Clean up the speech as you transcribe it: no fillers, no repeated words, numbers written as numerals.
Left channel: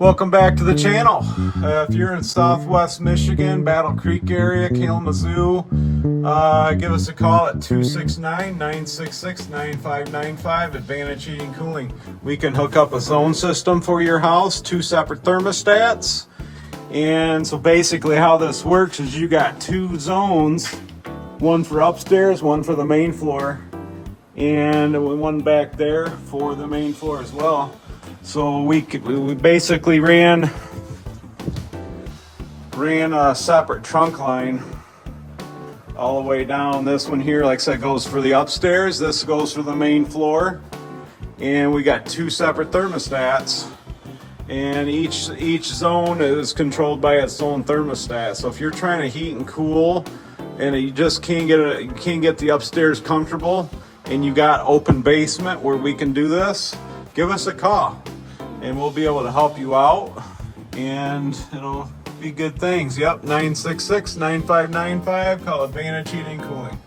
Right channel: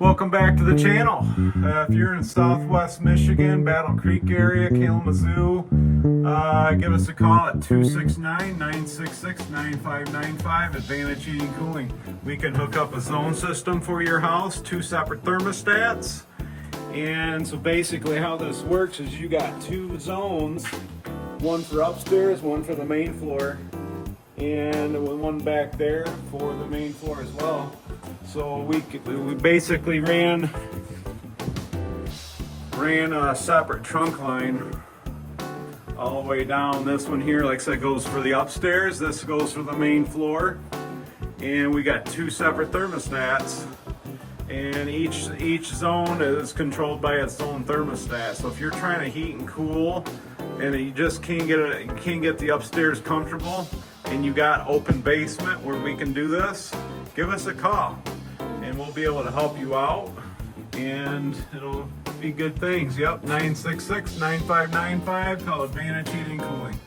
Welcome back to the channel. If you're in Southwest Michigan, Battle Creek area, Kalamazoo, give us a call at 269-966-9595, Advantage Heating Cooling. We can hook up a zone system for your house, 2 separate thermostats. And so basically how this works is you got 2 zones, one for upstairs, one for the main floor, and one back there for the main floor as well. So we basically ran a separate trunk line all the way down. This one here, like I said, goes for the upstairs. This goes for the main floor. And we got 2 separate thermostats. And each zone is controlled by its own thermostat. So if you're trying to heat and cool and you just can't get the upstairs comfortable, and you got open basement where we can do this, give us a call and we'll be able to help you out, and it'll be good things. Yep, 966-9595, call Advantage Heating Cooling.